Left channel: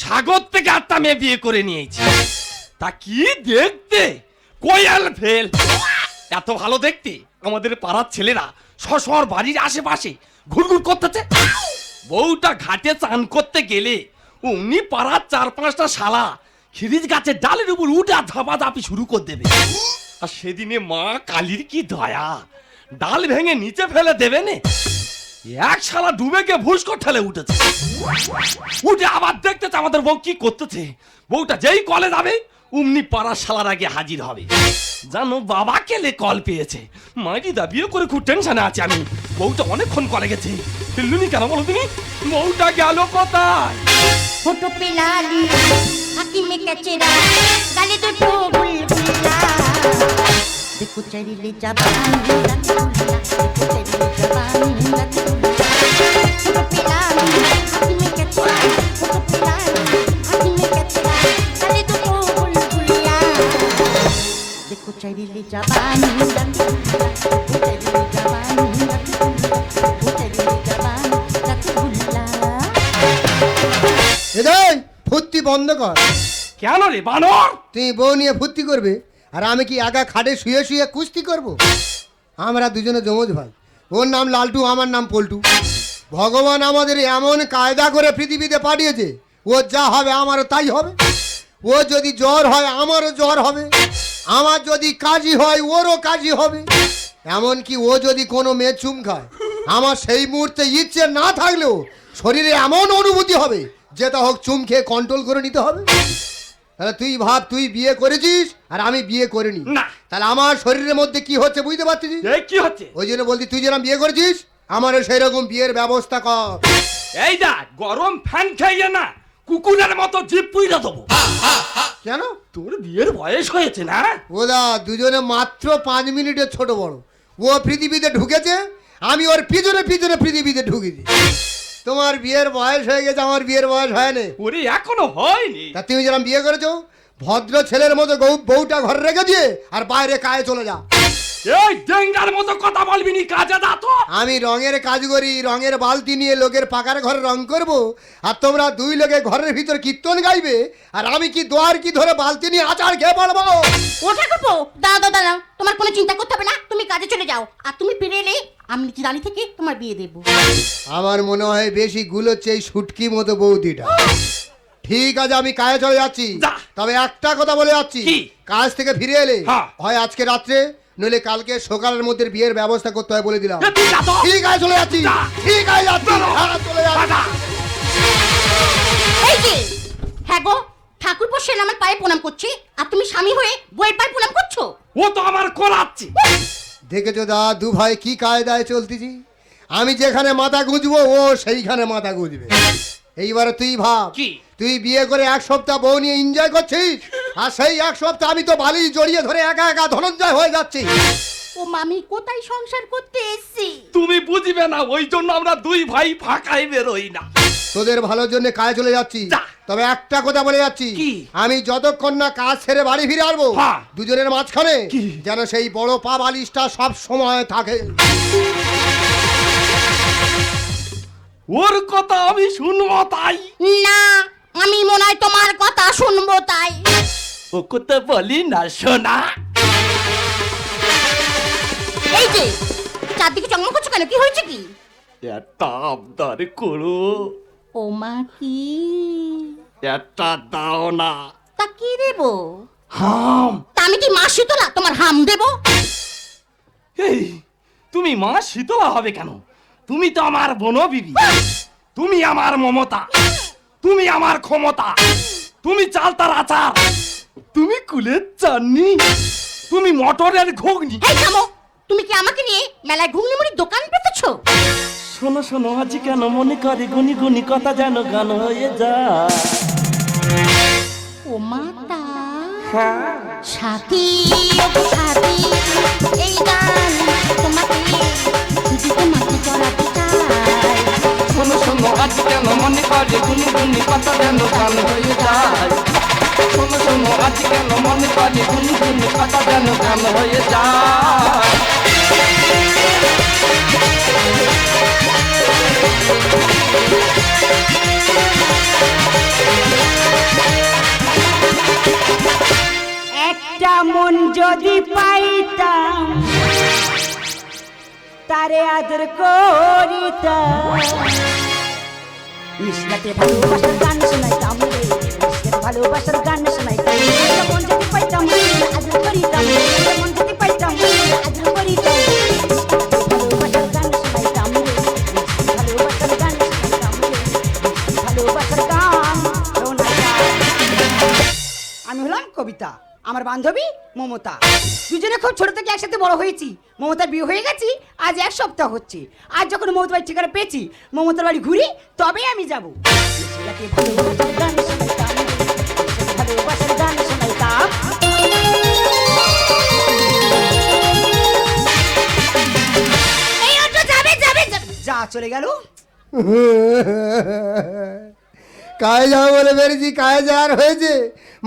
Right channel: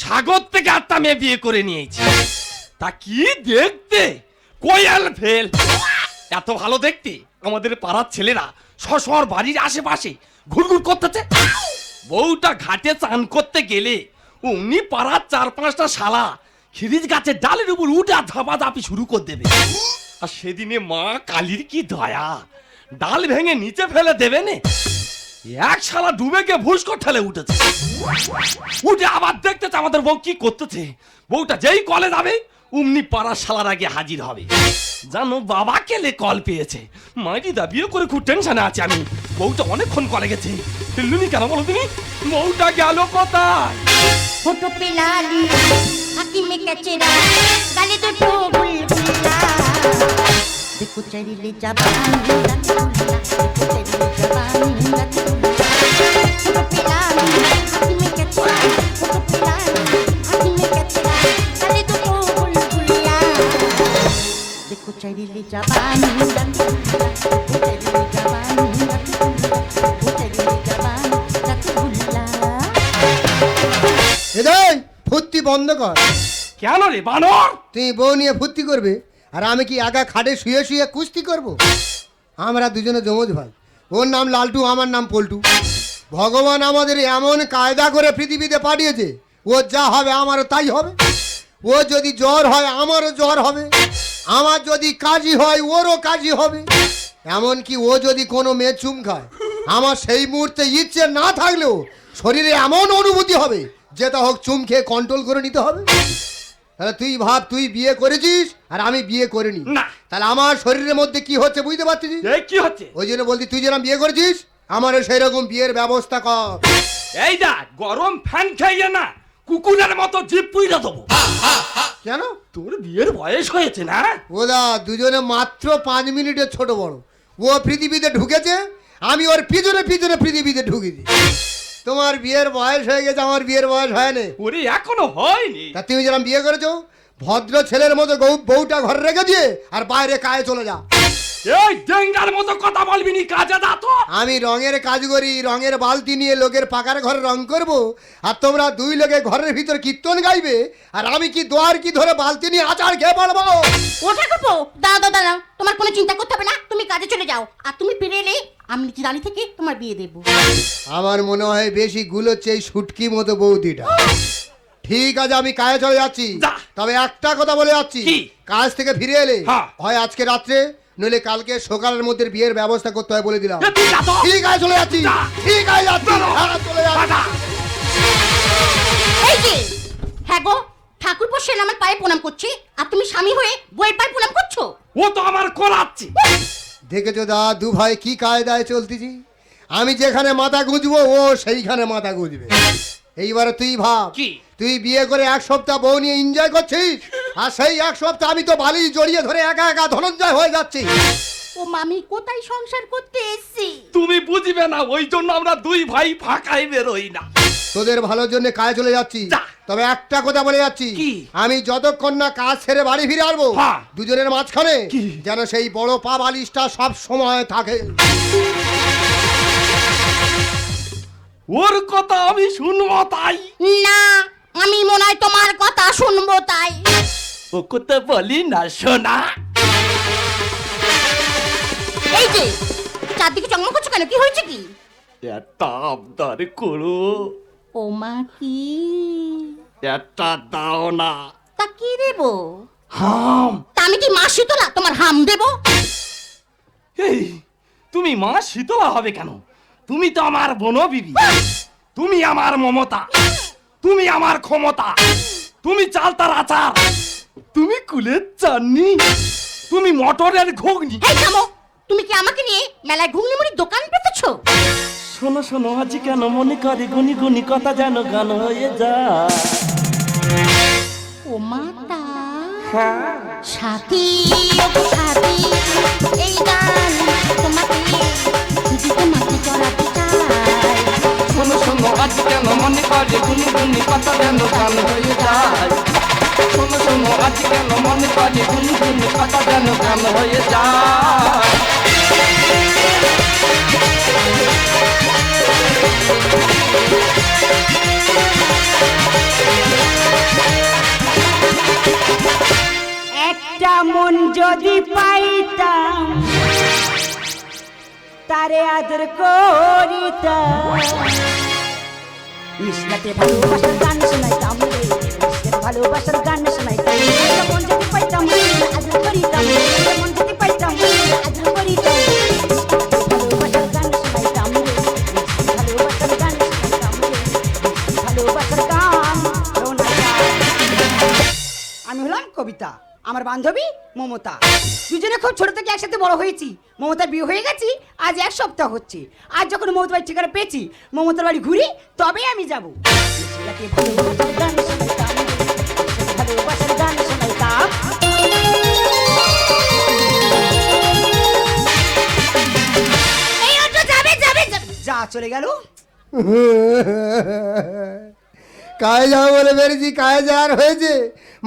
স্বাগত থেকে আটটা মেয়ে বিয়ে করে নিয়েছি। তা কি দেখতে? কোয়াল ফেল। এত ভালো দেখতি? আমাদের পাড়ার ছেলেরা শশর বাড়ির আশেপাশে ঘুরঘুর করতেছে। বউটা ঘাটে চান করতে গেলে অমনি পাড়ার চার পাঁচটা শালা খিরিজ গাছের ডালের উপর উঠে ধাপা ধাপি শুরু করে দেবে। আর সেদিনে মা কালীর কি দয়া? ডাল ভেঙে নিচে ফেলে দেবে নে? এক শালা ডুবে গিয়ে ভুস্কর ঠেলে উঠেছে। উঠে আবার দেখতেছে আমাদের বউ কি করতেছে? বউটা যেই কলে যাবে অমনি পাড়ার শালার আগে হাজির হবে। জানো বাবা কেলে কল পেয়েছে? মাইরি দাবিও করে খুব টেনশনে আছে আমি। বউটা অনেক ফোন করে গেছে। এমনি কেন বলো তুমি বউটা গেল পাতা ফটো লালি আকি মে কচরা গালে তো ঠোকরে দেখো চলে যাবে বন্ধ কর। কেন রে বানর? তুই বউ নিয়ে ফুর্তি করবি আর আমি কি একা খাটে শুয়ে শুয়ে কুস্তি করব? আমরা দুজনে জমজ ভাই। ওর নাম লালটু আমার নাম পল্টু। ভগবান আমাদের এমন কায়দা করে পৃথিবীতে পাঠিয়েছে ও যা হবে আমারও তাই হবে। ও যদি জ্বর হয় আমারও জ্বর হবে। আমার যদি কাজই হয় ওরও কাজই হবে। এমনকি ও যদি কোনো মেয়ে চুম খায় আমার সেই মুহূর্তে ইচ্ছে না থাকলেও শরীরে এমন অনুভূতি হবে যেটা হোক চুম খেয়ে কন্ট্রোল করে নিতে হবে। তাহলে তুই ভাব তুই বিয়ে করেছিস? আর আমি বিয়ে করিনি। তাহলে আমার শরীরের মধ্যে কি হচ্ছে বুঝতে পারছিস? কি হচ্ছে? ওই জন্য বলছি তুই যেন বিয়ে করেছিস আমারও সেই রকম বিয়ের ব্যবস্থা কর। এই দা গরম ফ্যান খাইয়ে না কুকুরের মতো জিপ পুইরা দেবো। কেন? তোর বিয়ের বয়স হয়েছে না? ওদা দুজনে মাত্র পাঁচ মিনিটের ছোট বড়। ও পৃথিবীতে ঢুকেছে আমি ওর পিছনে পিছনে পৃথিবীতে ঢুকেছি। তোমার বিয়ের বয়স হয়ে গেছে আমার বিয়ের বয়স হয়নি। উনি এখনও হয়নি? তা তুমি যেন বিয়ে করেছ ভদ্র ছেলের মতো বউ- বউটা ঘরে রেখে দিয়ে আর বাইরে কায়ে চলে যাও। এই ডেঙ্গার মতো কথা বলবি নি কাজে যা তো। আমি রঙের কাজ করি রঙের বালতি নিয়ে লোকের পাকার ঘরে রং করব আর তোমরা দুই লোকে ঘরের ভিতর কীর্তন গাইবে আর আমি কি দোয়ার কি ধরে বালতি নিয়ে আচার খেয়ে পড়ব ওঠে দাও দাও দাও তোমার কোনো চিন্তা করতে হবে না তুমি কাজে চলে যাও। আর তুমি ফিরে এলে আমি নিচে দাঁড়িয়ে থেকে তোমার বিয়ে দেবো? আমার মনে হয় বেশি গুলোচ্ছে এই সুটকি মতো বৌদিটা ঠিক আছে আমি কাজে চলে যাচ্ছি। তবে একটা কথা বলে যাচ্ছি। কাজ থেকে ফিরে এলে হ্যাঁ। হয় আজকে রাত্রে নইলে কালকে সকালের মধ্যে বিয়ের ব্যবস্থা করতে হয় বলে দিলাম। ঠিক আছে চলে যাচ্ছি। ঠিক আছে যাচ্ছি। হ্যাঁ, চলে যাচ্ছি। হ্যাঁ গো ঠাকুর সেন আমার পায়ে প্রণাম করছে আর তুমি স্বামী হয়ে বইয়ের পায়ে প্রণাম করছ? ও তো আমার করাচ্ছে দেখেছ দা দু ভাই কি কায়দায় চলতেছি? আমি যেখানে মাথা গুঁজবো ও সেইখানে মাথা গুঁজবে। এইবারে তুই ভাব কি? তুই বিয়ে করে এক সপ্তাহ বউ নিয়ে এনজয় করছিস? আর সেই এক সপ্তাহ আমি তো বালি জড়িয়ে ধরে একা একা ধনঞ্জয় হয়ে যাচ্ছি। ও মামি কোথায় সংসার করতে এসছি? তুমি বুঝবে না ওই জন্য আমরা দুই ভাই ফাঁকাই বেরোই না। তোদের ভালোর জন্য কাজে চলে যাচ্ছি। যা। তবে একটা কথা বলে যাচ্ছি। আমি যতক্ষণ না কাজ ছেড়ে বাড়ি ফিরে আসব হ্যাঁ। দুজনের মাঝখানে যেন সেই বড় পা বালিশটা সব সময় থাকে। ওর কথা আমি শুনব তাই। না আমি মনে হয় তোমার কথা শুনব তাই। ও কথা বলি না শোনা। কেন কি হয়েছে কি? একটা আবদার করো। ও মা কি? একটা দাও না। তা কি দেবো? হাম। তা আমি কি মাসি তো না? তোমার হাম দেবো? এই তুমি মা শীতলা হবে কেন? তুমি তো আমার বনবিবি তুমি আমার মমতা। তুমি আমার ক্ষমতা। তুমি চালতার আচা। তুমি কুলের চাননি। তুমি মটরের ঘুগনি। তুমি কি আমাকে নিয়ে মেলায় ঘুগনি মুড়ির দোকান পেতেছো শোনো শোনো আজ কেন মনে করে গুনি গুনি কথা যেন গান হয়ে যা ও মাতা। সাথী মনে হয়ে কেন মনে করে গুনি গুনি কথা যেন গান হয়ে যায়? একটা মন যদি ভালোবাসার গান শোনাইতাম। মন যদি পাইতাম আদর করিতাম। মন যদি পাইতাম আমি হলাম কবিতা আমার বান্ধবী মমতা। দুজনে খুব ছোট থেকে একসাথে বড় হয়েছি। মমতার বিয়ে হয়ে গেছি আজ এক সপ্তাহ হচ্ছে। আজ যখন মমতার বাড়ির ঠিকানা পেয়েছি মমতার বাড়ি ঘুরি তবে আমি যাব। যা চলে গেল। কায় যাও বলে বেরিয়েছি, কায় যাওয়ার হয়েছে।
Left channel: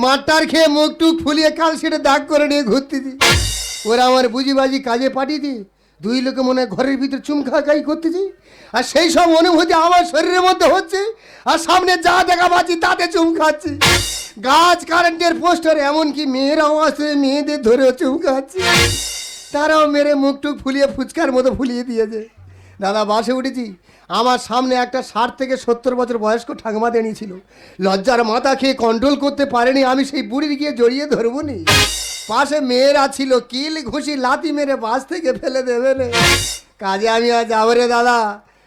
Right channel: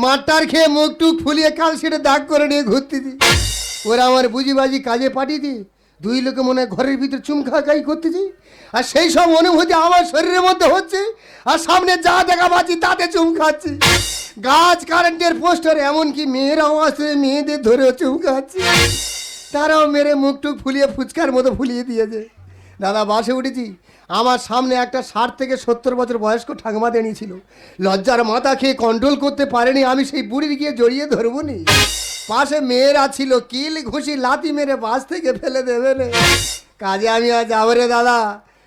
মাঠটার খেয়ে মুখ টুক ফুলিয়ে কাল সেটা দাগ করে নিয়ে ঘুরতে দি। ওরা আমার বুঝি বাজি কাজে পাঠিয়ে দি। দুই লোকে মনে ঘরের ভিতর চুম খাই করতেছে। আর সেই সব অনুভূতি আমার শরীরের মধ্যে হচ্ছে। আর সামনে যা জায়গা পাচ্ছি, তাতে চুম গাছ, কারেন্টের পোস্টার, এমনকি মেয়েরাও আছে, মেয়েদের ধরে চুম তারাও মেরে মুখ টুক ফুলিয়ে ফুচকার মতো ফুলিয়ে দিয়েছে। দাদা, বাসে উঠেছি। আমার সামনে একটা ষাট থেকে সত্তর বছর বয়স্ক ঠাকুমা দাঁড়িয়েছিল লজ্জার মাথা খেয়ে কন্ট্রোল করতে পারেনি, আমি সেই বুড়ির গিয়ে জড়িয়ে ধরবো নি। পাশে মেয়েরা ছিল, কিল ঘুষি লাথি মেরে বাস থেকে ফেলে দেবে কাজে আমি আজ যাব রে দাদা,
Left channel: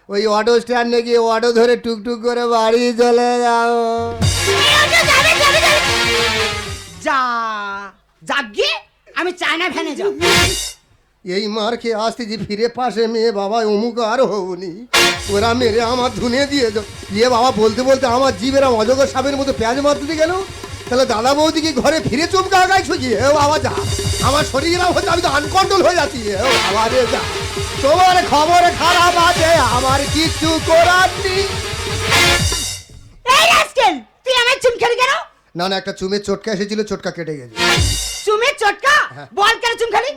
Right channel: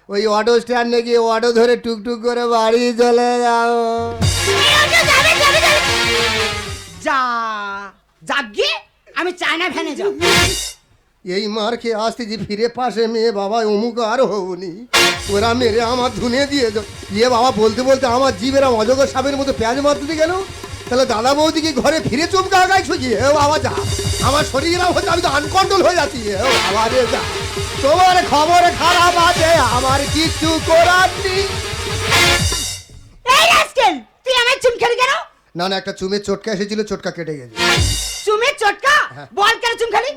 ওই অটো স্ট্যান্ডে গিয়ে অটো ধরে টুকটুক করে বাড়ি চলে যাও যা যাগে আমি চায়না ভ্যানে যাব। এই মার খেয়ে আসতেছি ফিরে পাশে মেয়ে বাবা অমুক আর হবনি ওরা মেরে আমার ধুনে দিয়ে যাও ইয়ে বাবা বলতে বলতে আমার জীবেরা অজগর সাপের মতো পেঁয়াজ মারতে গেল। তাহলে দাদা বৌদিকে ঘরে ফিরে চুপকে আগাই ছুকি হে বাবা যা। আমার শরীর হচ্ছে আমি আনকন্ট্রোল হয়ে যাচ্ছি হে বাবা রে যা। তোমার খবর খারাপ আছে, আমার কিছু করার নেই। তুই আমার চুম খেলি কেন? না না একটা চুমের চটকা এসেছিল চটকা কেটে গেছে। চুমির চটকা? বল কেন চুম খালি।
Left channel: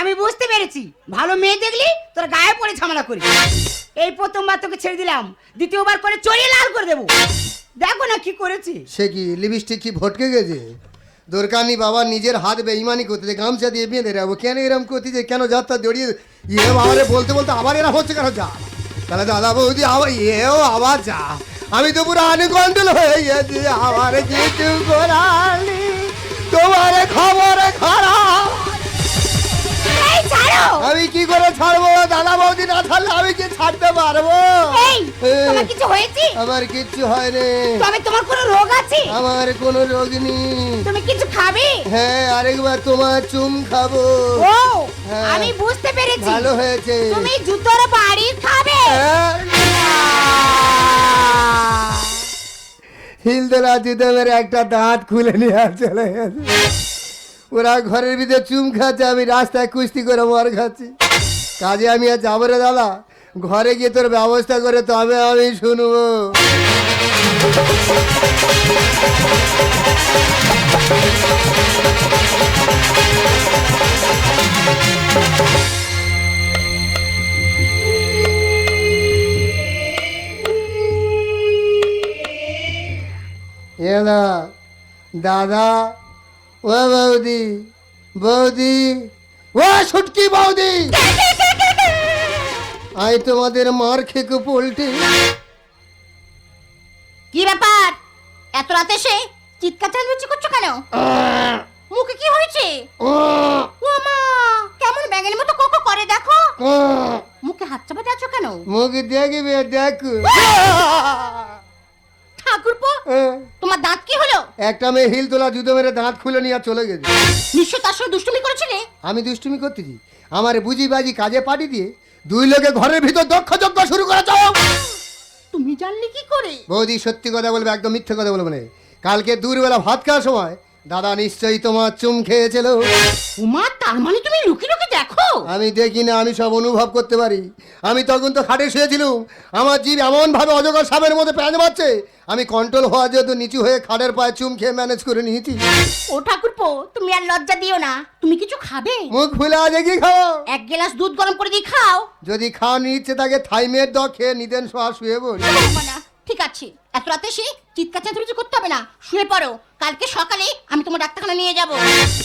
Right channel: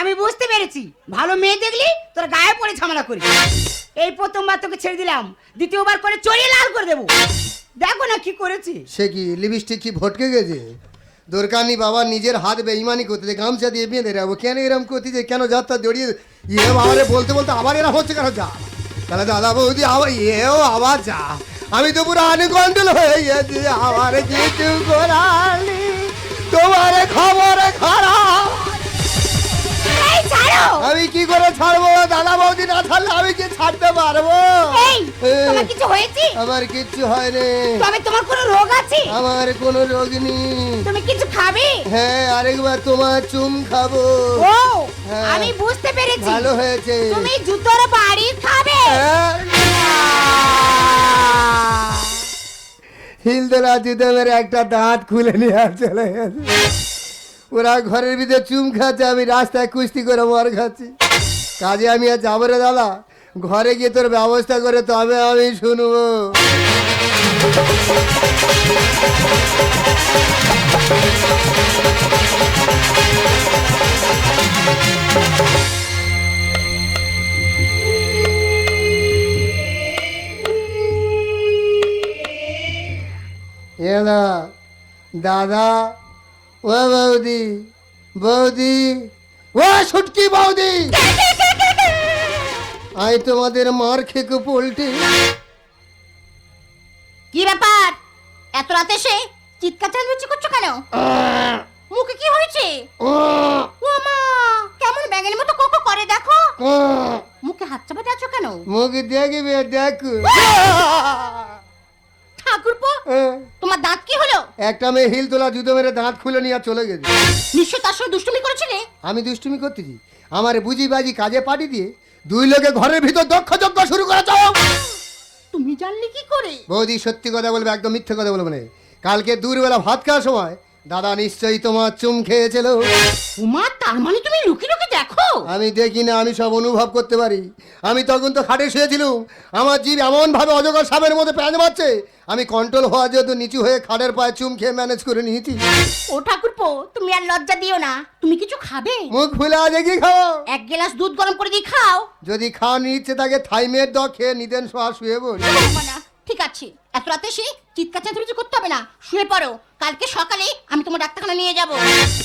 আমি বুঝতে পেরেছি। ভালো মেয়ে দেখলি তোর গায়ে পড়ে ঝামেলা করি এই প্রথমবার তোকে ছেড়ে দিলাম দ্বিতীয়বার করে চড়িয়ে লাল করে দেবো। দেখো না কি করেছি। সে কি লিপস্টিক কি ভটকে গেছে? দরকার নেই বাবা নিজের হাত বেইমানি করতে দে, গামছা দিয়ে বেঁধে রাখব। কেন এরকম করতে যে কেন যাত্রা জড়িয়ে ইয়ে বলতে বলতে আবার এরা হচ্ছে কেন যা? তাহলে দাদা বৌদি আবার এও আবার যা। আমি তো পুরো আনুকন্ট্রোল হয়ে গেছি আমার কিছু করালি তোমার খবর খারাপ আমি কি করে ছাড়বো দাদা বৌদি? না ছাড়লে আমি কি ছাড়তে পারব? আমার কিচ্ছু হয় রে। তোমার কোনো রোগ আছে? আমার কোনো রোগ নেই। তুমি কিছু খাবে? হ্যাঁ আরেকবার তোমার চুম খাব। আমি বুঝতে পেরেছি। ভালো হয়েছে। তুমি জুতোর বাড়ি খাবে। হিলদোলা জুতো মেরে একটা দাঁত খুলে নিয়ে চলে গেছে। ওরা ঘরের ভিতরে চুম খাচ্ছে, আমি রাস্তায় কুস্তি করে মার খাচ্ছি। কাজে আমি আর যাব রে দাদা। ঘরে গিয়ে তোর ব্যবস্থা করে তবে আমি শুনব। এলা দাদা ও বৌদি বৌদি ও ছুটকি বৌদি। আই তোমাদের মার খেকো পোল্টি কি ব্যাপার? এত রাতে এসে চিৎকার চালিয়েছি করছ কেন? মুখে কি হয়েছে? মামা কেমন ব্যাঙের মতো কোকো করে দেখো। মুখে হাত চাপাতে আছো কেন? মুখে দেখবে দেখো। ঠাকুরপো একটা মেয়ে হিল তোলা জুতো মেরে দাঁত খুলে নিয়ে চলে গেছে। নিশ্চয় তার সঙ্গে দুষ্টুমি করেছিলে আমি দুষ্টুমি করতেছি। আমার বুঝি বাজি কাজে পাঠিয়ে দিয়ে দুই লোকে ঘরের ভিতর দক্ষ যজ্ঞ শুরু করে চাও তুমি জানলে কি করে? বৌদি সত্যি কথা বলবে একদম মিথ্যে কথা বলবে না। কালকে দূরবেলা ভাত খাওয়ার সময় দাদা নিশ্চয়ই তোমার চুম খেয়েছিল। উমা তার মানে তুমি লুকি লুকি দেখো? আমি দেখি না আমি সব অনুভব করতে পারি। আমি তখন তো খাটে শুয়েছিলাম। আমার জিভ এমন ভাবে অজগর সাপের মধ্যে প্রাণ পাচ্ছে আমি কন্ট্রোল হওয়া যেহেতু নিচু হয়ে খাটের পায়ে চুম খেয়ে ম্যানেজ করে নিয়েছি। ও ঠাকুরপো তুমি আর লজ্জা দিও না। তুমি কিছু খাবে? মুখ খোলা দেখি খাও? এক গ্লাস দুধ গরম করে দিয়ে খাও। যদি খাওয়ার ইচ্ছে থাকে থাইমের দ খেয়ে নিদেন শুয়ে বল না। ঠিক আছে। এত রাতে সে চিৎকার চেঁচামেচি করতে হবে না। শুয়ে পড়ো। কালকে সকালে আমি তোমার ডাক্তারখানা নিয়ে যাব।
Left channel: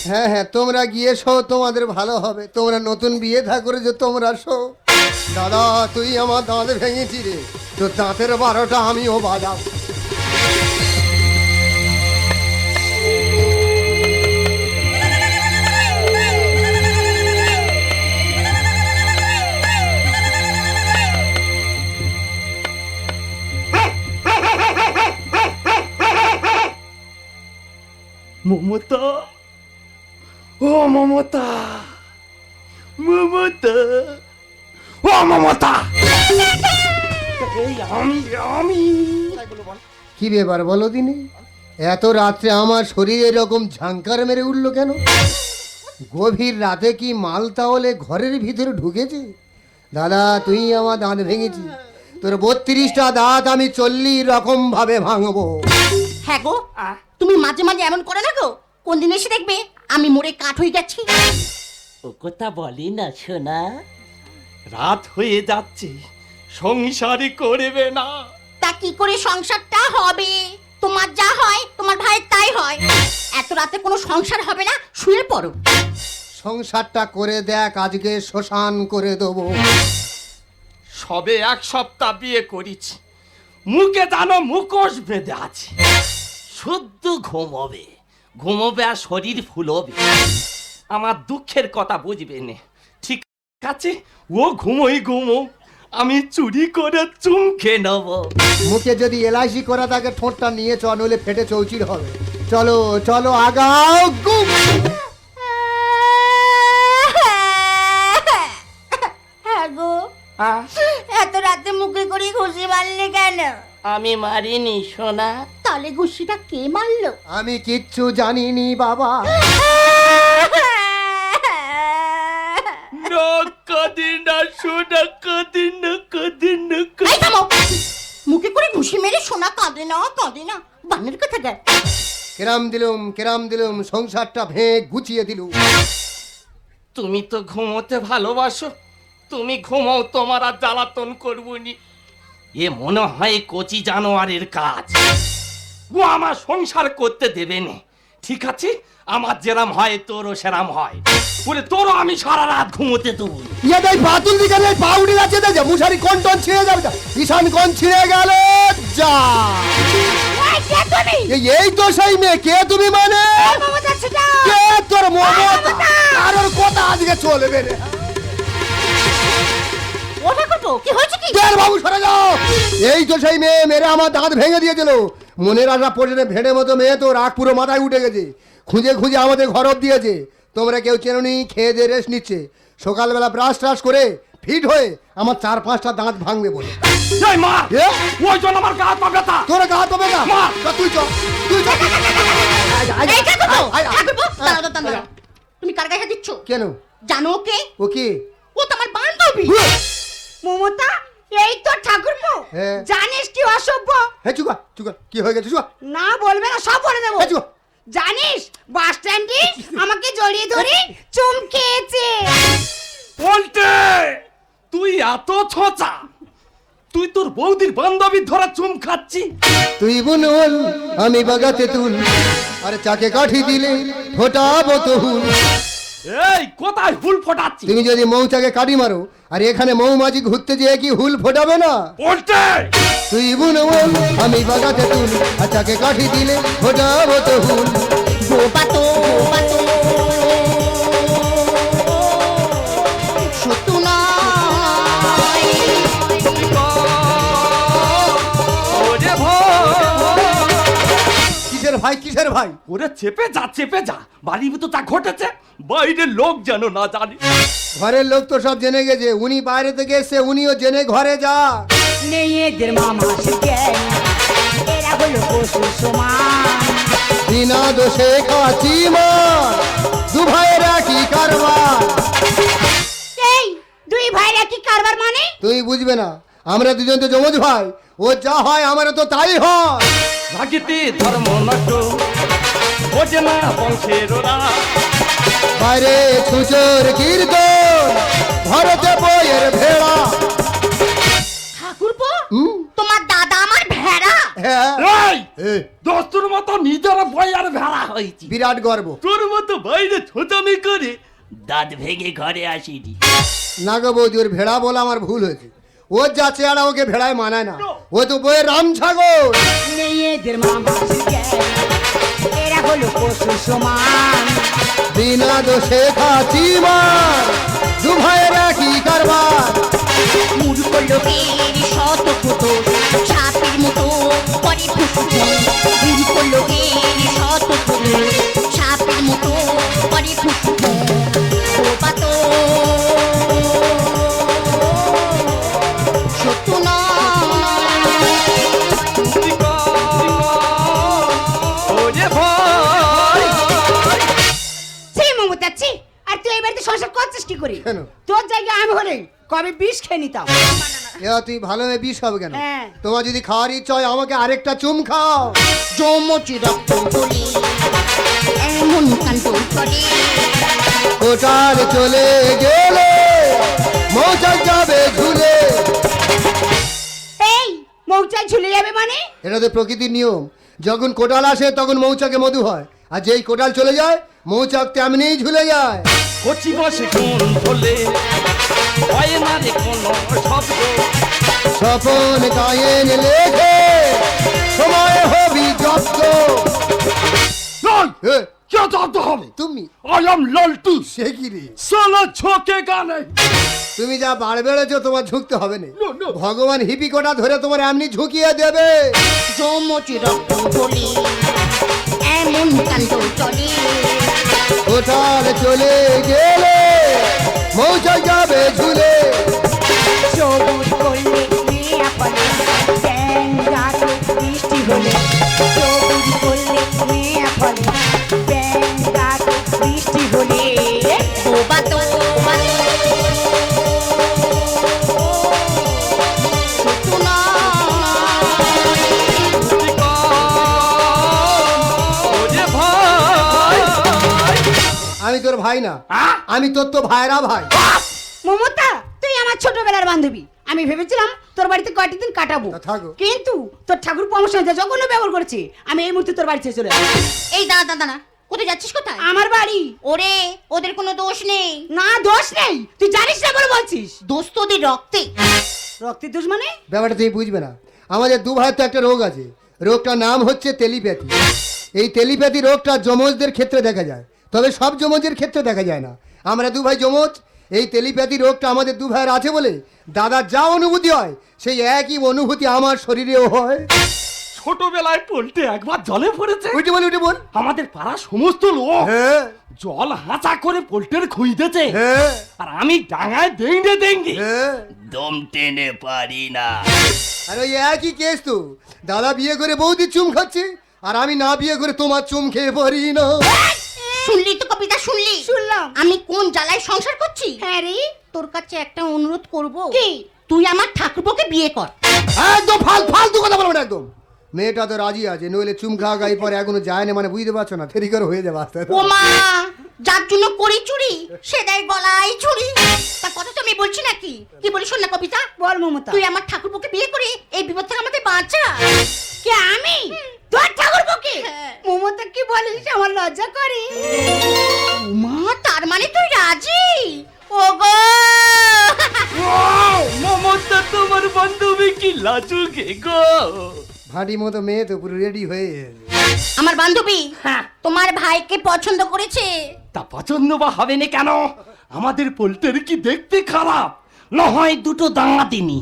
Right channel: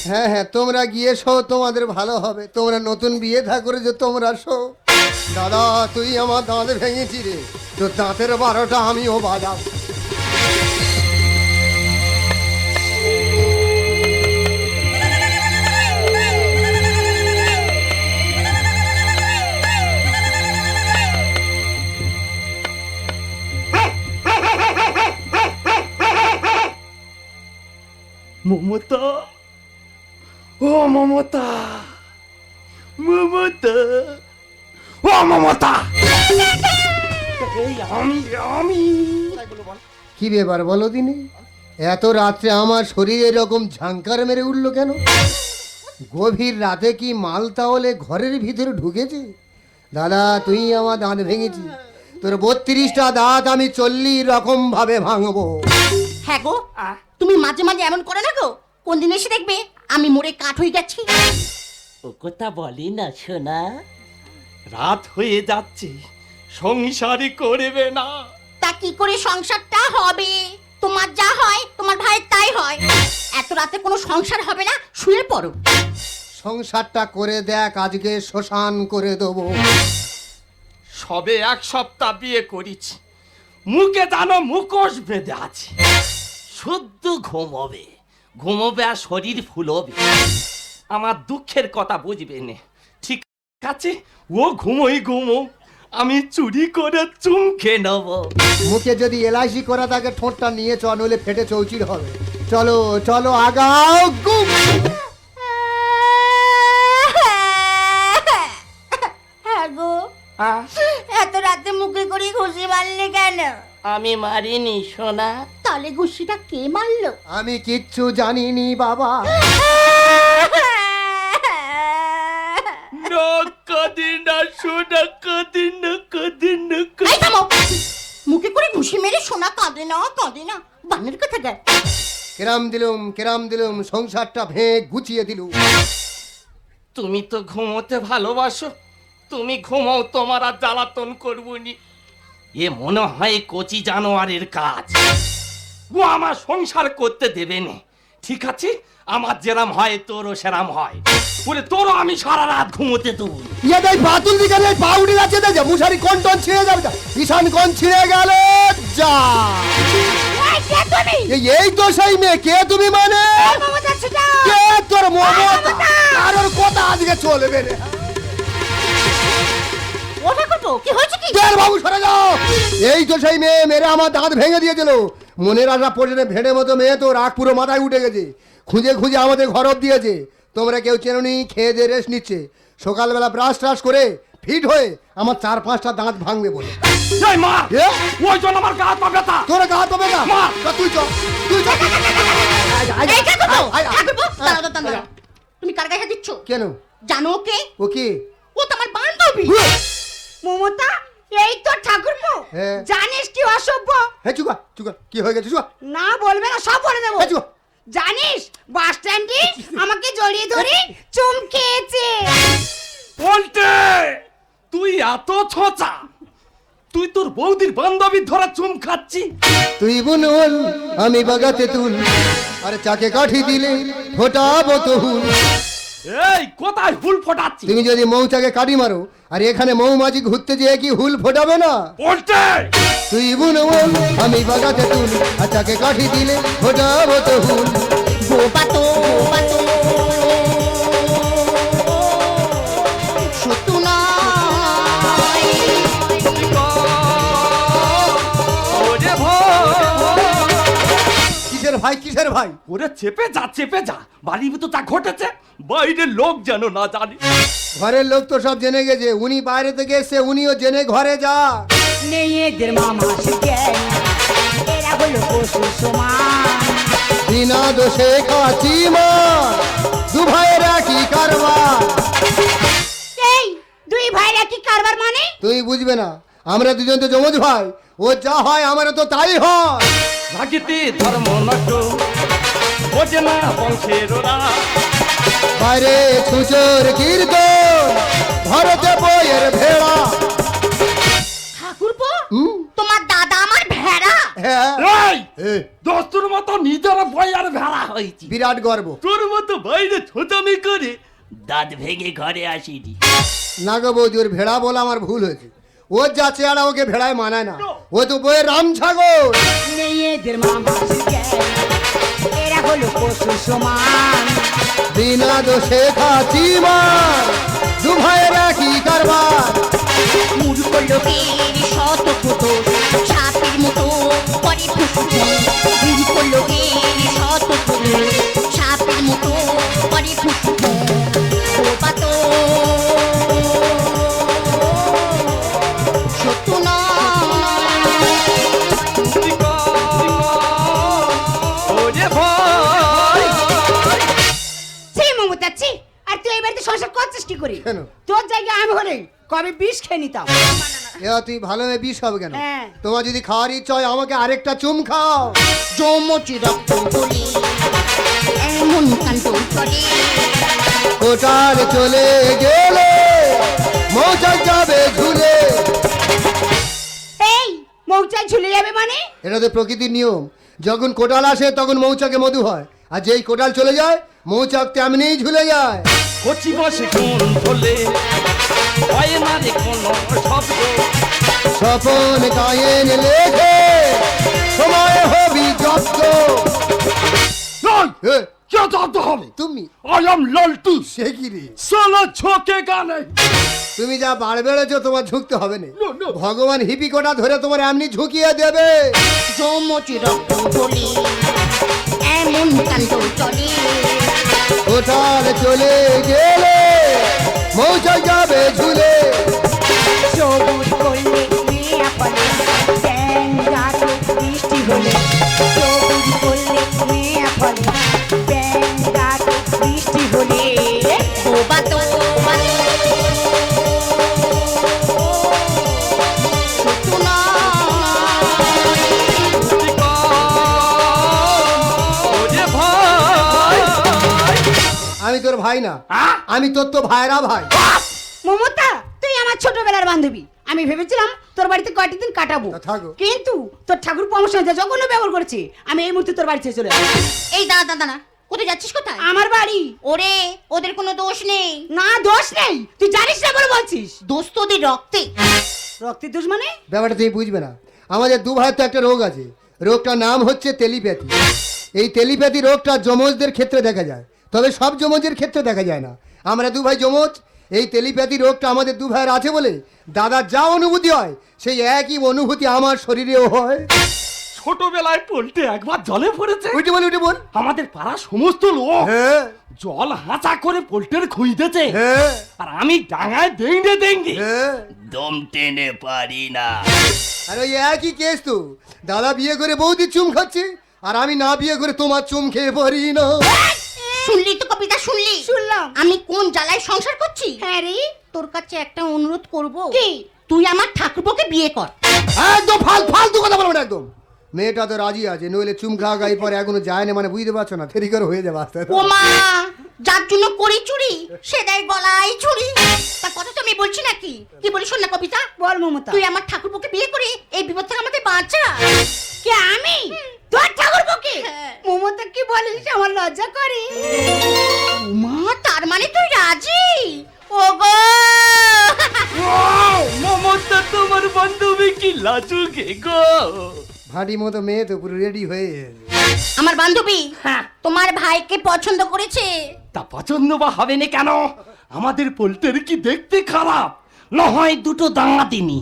হ্যাঁ হ্যাঁ তোমরা গিয়ে শো, তোমাদের ভালো হবে। তোমরা নতুন বিয়ে থা যে তোমরা শো। দাদা, তুই আমার দাঁত ভেঙেছি রে তো দাঁতের বারোটা আমিও বাজাব মমতা ও মমতা মমতা ও মমতা কি ব্যাপার বলো তিনি? এত রাত্রে আমার শরীর এরকম ঝাঙ্কার মেরে উঠল কেন? গভীর রাতে কি মাল তাহলে ঘরের ভিতরে ঢুকেছে? দাদা তুই আমার দাঁত ভেঙেছি তোর বত্রিশটা দাঁত আমি চল্লিশ রকম ভাবে ভাঙবো। হ্যাঁ গো। তুমি মাঝে মাঝে এমন করো না গো। কোন দিন এসে দেখবে আমি মরে কাঠ হয়ে যাচ্ছি। ও কথা বলি না সোনা। রাত হয়ে যাচ্ছে সংসারই করবে না। তা কি করে সংসারটা হবে? তোমার যা হয় তোমার ভাইয়ের তাই হয়। এত রাতে কোনো সংসার হবে না শুয়ে পড়ো। সংসারটা করে দেখ আজকে শ্মশান করে দেবো। সবে এক সপ্তাহ বিয়ে করেছি। মুখে জানো মুখোশ বেঁধে আছে। সদ্য ঘুমোবে। ঘুমোবে আর শরীর ফুলবে। আমার দুঃখের কথা বুঝবে না। ঠিক আছে ও ঘুমোই ঘুমো। আমি চুরি করে চুমকে নেব। মুখে যদি এলআইসি করা থাকে ঠোঁটটা নিয়ে চ নইলে ফেটে চৌচির হবে। চলো চলো আগাও গুম হ্যাঁ গো। এত রাতে মুখে করে ঘুষি মারলি কেন? আমি মারিনি সোনা। তাহলে ঘুষিটা আমি কিচ্ছু জানিনি বাবা। মুখে করে ঘুষি মেরে সোনা কাঁদে না কাঁদে না। বানের কথা যায় কেরাম দিলুম কেরাম দিলুম সংসারটা ভেঙে গুছিয়ে দিলুম। তুমি তো ঘুমোতে ভালোবাসো। তুমি ঘুমোও তোমার আর জ্বালাতন করবনি এ মনে হয় কচি জানোয়ারের কাজ। আমার সংসার করতে দেবে না। ঠিক আছে? আমার যেরাম হয় তোরও সেরাম হয়। বলে তোরও আমি সারা রাত ঘুমোতে দেবো ইয়াদের বাতুল বিকালে পাউডি আছে দেখে মুশারি কোন কোন ছিঁড়ে যাবে তো। ঈশান কোন ছিঁড়ে গেল? যা। এই- এই তো সেই মেয়ে কে তুমি মানে? তোর মমতা? কারোর কথা আজকে ওটা কত কি হয়েছে কি? বের বাবু সরে যাও। এই তো সেই মেয়ে মেরে আমার দাঁত ভেঙে দিয়েছিল। মনের আশা পড়ে ভেড়ে মতো মেয়ে তো রাগ পুরো মাথায় উঠে গেছে খুঁজে খুঁজে আমাদের ঘর অব্দি আছে তোমরা কেউ চেরনি খেয়ে দিয়ে রেস্ট নিচ্ছে সকালবেলা ব্রাশ ট্রাশ করে ফিট হয়ে আমার চার পাঁচটা দাঁত ভাঙবে বলে এই মা ওই জন্য আমার গা ব্যথা তোরা দাঁত হবে না তুই চল তুই চল। তুমি কার গায়ে দিচ্ছ কেন জানো কে ওকে ও তোমার বান্ধবী মমতা এই তো ঠাকুরপো হ্যাঁ। জানিস কি অসভ্য? হ্যাঁ চুকা চুকা কি হয়ে গেছে চুকা? না বলবে না সব বলে দেবো। হ্যাঁ, চুকা। জানিস বাস স্ট্যান্ডে আমাকে জড়িয়ে ধরে চুম খেয়েছে তুই এত ছোচা! তুই তোর বৌদির বান্ধবীর ধরা চুম খাচ্ছি। তুই বুনবুন আমি বাগাতে তুল আর চাকে কাঠি দিলে ফোটাবো তো হুল এই কোথায় হুল ফোটাচ্ছি তুমি যদি মৌচাকে কাটি মারো আর এখানে মৌমাছি ঘুরতে দিয়ে কি হুল ফোটাবে না? বলতে! তুই বুনবুন আমি বাগাতে তুল আচ্ছাকে কাঠি দিলে। ফোটাবে তো হুল। ভাই কিসের ভাই? ওরে চেপে যা চেপে যা। বাড়ির ভিতর তা ঘটেছে বাইরের লোক যেন না জানে। ঘরের লোক তো সব জেনে গেছে উনি বাইরে থেকে এসে উনিও জেনে ঘরে যা। মেয়েদের মামা জ্ঞান এরা হলো দোষে ভাইরা কি করবা দুই ভাইরা কি কারবার মানে? তুই বুঝবে না আমরা দুজন তো জমজ ভাই। ও যা হয় আমারও তো তাই হয়। ভাগিতে বোঝে না বংশের ওরা। বাইরে কীর্তন ঘরেতে বইয়ের ভেড়া। তোমার দাদা আমার ভেড়া। হ্যাঁ। এই দোস্তুর মতো নিজের বই আর ভেড়া হয়েছি। বিরাট গর্ব। তোর মতো বাইরে ছোটামি করে দাঁত ভেঙে ঘরে আসিনি। না গো বৌদি ওর ভেড়া বলে আমার ভুল হয়েছে। ও যা চেহারা ওকে ভেড়ায় মানায় না ও তো বইয়ের রাম ছাগল বিনা দেশে কি করবা মূর্খ লোকের শত ফুটো ছাতির মতো করে ফুটুটো মূর্খ লোকের শত ফুটো ছাতির মতো করে ফুটুটো তুই ভালো হয়ে বিষ হবে কেন? হ্যাঁ। তোমার যদি খাওয়ার ইচ্ছা হয় আমাকে আরেকটা চুম খাও। চলে এমন করে কোটার চলে গেলে মৌচাক যাবে ঘুরে। এই মৌচাক ঝুলে যাবে মানে? এটা তো প্রকৃতির নিয়ম। যখন কোটাল আসে তখন মৌচাকে মধু হয়। আর যেই কোটাল চলে যায় মৌচাক তেমনিই ঝুলে যায় কচি বসে হলে স্বপন গায়েন লেখে সময় হবি হবে। তুমি? আই এম লালটু। সে কি রে? সেলে ঝোঁকে গানে। তুমি যা বাড় বেড়েছো তোমার ঝুঁকতে হবে না। ভগবান হিপি কোটা ধরে তোমার এমনি ঝুঁকিয়ে দেবে। জমটি রক্ত ঝরে এমন কাণ্ড করে কোটাল চলে গেলে? মৌচাক যাবে সবুজ বৃষ্টি হলে না হ্যাঁ? আমি তোর তো ভাইরা ভাই। মমতা তুই আমার ছোটবেলার বান্ধবী। আমি ভেবেছিলাম তোর বাড়িতে কয়েকদিন কাটাবো। কিন্তু তোর ঠাকুর আমার সঙ্গে জঘন্য ব্যবহার করেছে। আমি এই মুহূর্তে তোর বাড়ি ছেড়ে চলে এই দাদা দাদা না কোথায় যাচ্ছিস কোথায়? আমার বাড়ি। ওরে ওদের কোনো দোষ নেই। না দোষ নেই। তুই জানিস না বলে বলছিস। দোষ তো ওদের রক্তে। রক্তে দোষ মানে? ব্যাপারটা তুই বুঝবে না। আমাদের দু ভাইয়ের তো একটা রোগ আছে। রোগটার নাম হচ্ছে টেলিপ্যাথি। এই টেলিপ্যাথি রোগটা যমজদের ক্ষেত্রে দেখা যায়। তবে সব যমজের ক্ষেত্রে দেখা যায় না। আমরা দু ভাই যমজ এই টেলিপ্যাথি রোগটা আমাদের দু ভাইয়ের আছে বলে দাদার যা অনুভূতি হয় সেই একই অনুভূতি আমার শরীরেও হয়। ছোটবেলায় পল্টে একবার জলে পড়েছে। উঠে বল উঠে বল। আমাদের পাড়ার সমস্ত লোক হ্যাঁ। জল হাঁচা করে পোল্টের খুঁজতেছে। আমি ডাঙায় ডেঙ্গে ডেঙ্গে। দম টেনে পারি না। আর ওই একই কেস তো। দাদা বিয়ে করে বৌদি চুম খাচ্ছে আর আমি না বিয়ে করে তোমার চুম খেয়ে পারি না। শুনলি তো কবিতা শুনলি? শুনলাম। আমি কোন জ্বালায় সংসার করছি? হ্যাঁ রে। তোর কাছে একটা অনুরোধ করব। কি? তুই আমার ঠাকুরকে বিয়ে কর। মেয়েটা তো রাজি আছে নইলে চুম খাওয়া গাই পরে এখনও যায়নি মানে বুঝতে পারছ না। ক্ষতিকর হয়ে যাবে। ও মা যার জন্য করি চুরি সে দেয় গলায় চুরি তা কথা তো আমি বলছি নাকি? কি বলি শোন না কবিতা বল মমতা। তুই আমার ঠাকুরপোকে বিয়ে করে এই বিপদ থেকে আমাকে বাঁচা। কে আমি? তোর ঠাকুরপোকে মমতা কি বলিস? আমার লজ্জা করে। মা তার মানে তুই রাজি? ওগো! মমতা তোমার বান্ধবী কি লাজুকে গো? ভাটি মতো মেয়ে তো পুরো রেডি হয়ে আমার বান্ধবী হ্যাঁ। তোমার ভাইকে পছন্দ করেছে? তা পছন্দ বা হবে না কেন? আমাদের পোল্টের কি দেখতে খারাপ? না হয় দুটো দাঁড়া দিনি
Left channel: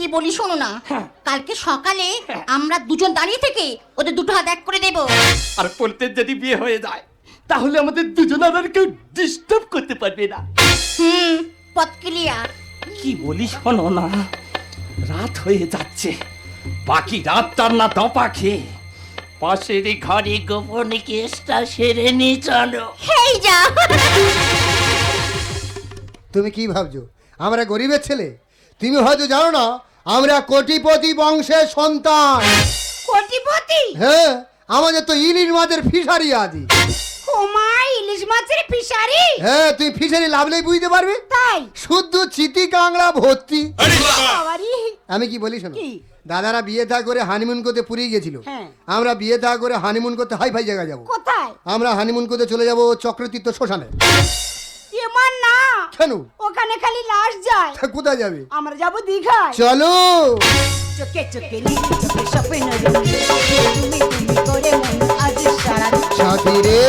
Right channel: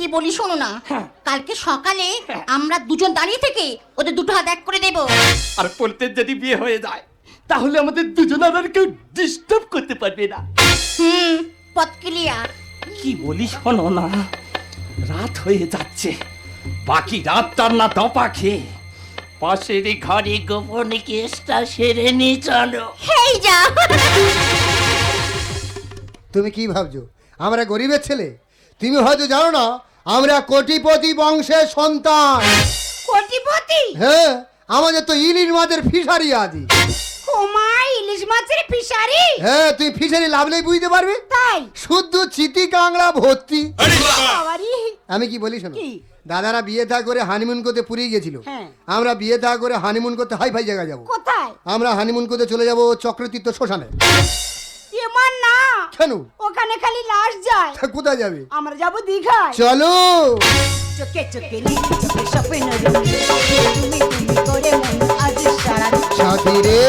কি বলি শোনো না। কালকে সকালে আমরা দুজন দাঁড়িয়ে থেকে ওদের দুটো হাত এক করে দেবো আর পল্টের যদি বিয়ে হয়ে যায় তাহলে আমাদের দুজনের আর কেউ ডিস্টার্ব করতে পারবে না। হুম পথ ক্লিয়ার। কি বলি শোনো না রাত হয়ে যাচ্ছে। বাকি রাতটার না দপা খেয়ে পাশের ঘরে গোপন কেসটা সেরে নিয়ে চলো। তুমি কি ভাবছ? আমরা গরিবের ছেলে। তুমি হয়তো জানো না আমরা কোটিপতি বংশের সন্তান। পতিপতি হ্যাঁ আমাদের তো ইলিশ মাছের ফিশারি আছে। ইলিশ মাছের ফিশারি? হ্যাঁ তুই ফিশারি লাগলেই বুঝতে পারবি শুদ্ধ চিতি কাংড়া ভর্তি। আমি কি বলি শোনো? দাদারা বিয়ে থা করে হানিমুন করতে পুরী গেছিল। হ্যাঁ। আমরা বিয়ে থা করে হানিমুন করতে হাই ফাই জায়গায় যাব। কোথায়? আমরা হানিমুন করতে চলে যাব চক্রতীর্থ শ্মশানে। কেন ওখানে খালি লাশ যায়। তা কোথায় যাবি? আমরা যাব দীঘা চলো। সাথী রে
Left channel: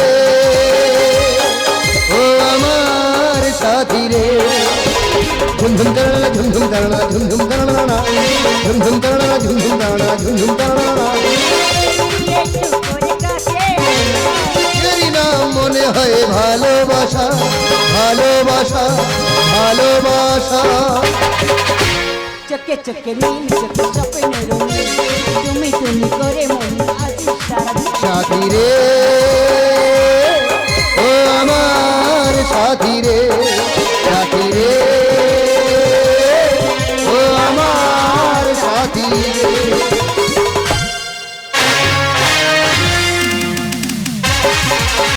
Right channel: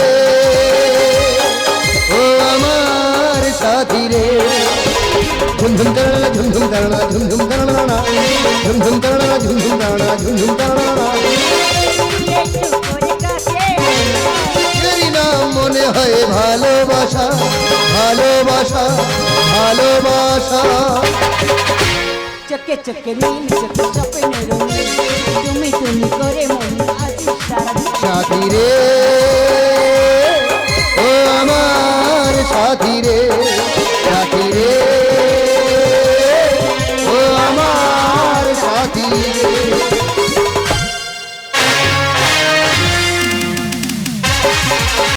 ও আমার সাথী রে ঝুমঝুম ঝুমঝুম ঝুমঝুম ঝুমঝুম ঝুমঝুম ঝুমঝুম মনে হয় ভালোবাসা ভালোবাসা ভালোবাসা। চকে চকে সাথী রে আমার সাথী রে।